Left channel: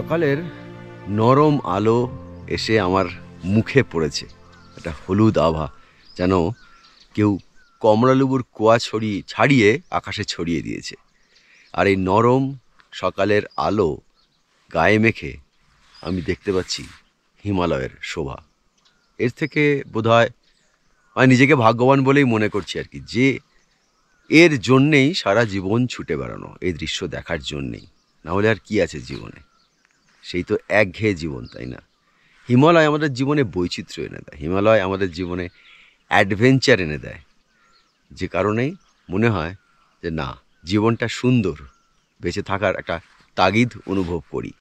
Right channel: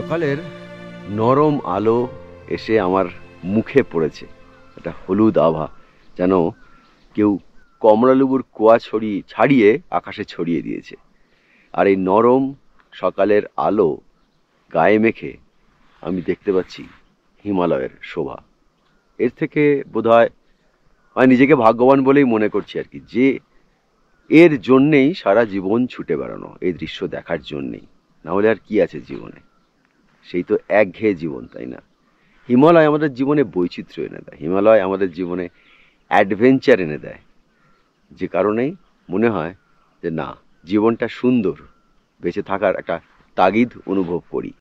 সকালের নরম আলো এসে আমার মুখে পড়েছে, একটা হলুদ আভা, যেন কেউ কমলালেবুর কোয়া ছাড়িয়ে আকাশে ছড়িয়ে দিয়েছে। আর এই নরম সকালের আলো গায়ে মেখে আমি দেখতে পাচ্ছি হিমালয়ের শোভা। এর থেকে বোধহয় আমি নিজেকে ভাগ্যবান বলেই মনে করছি আর কি, যে এর জন্যেই সারা জীবন ছুটে বেড়ানো, এই দৃশ্য দেখার জন্যেই। না হলে আর কি আছে জীবনে? সেই তো একঘেয়ে জীবন, তাই না? হিমালয় আমাদের জীবনে বৈচিত্র্য এনে দেয়, হিমালয় আমাদের জীবনে অ্যাডভেঞ্চার এনে দেয়, যে কারণেই মনে হয় যে না, জীবনটা সুন্দর, বেঁচে থাকার একটা তাগিদ অনুভব করি।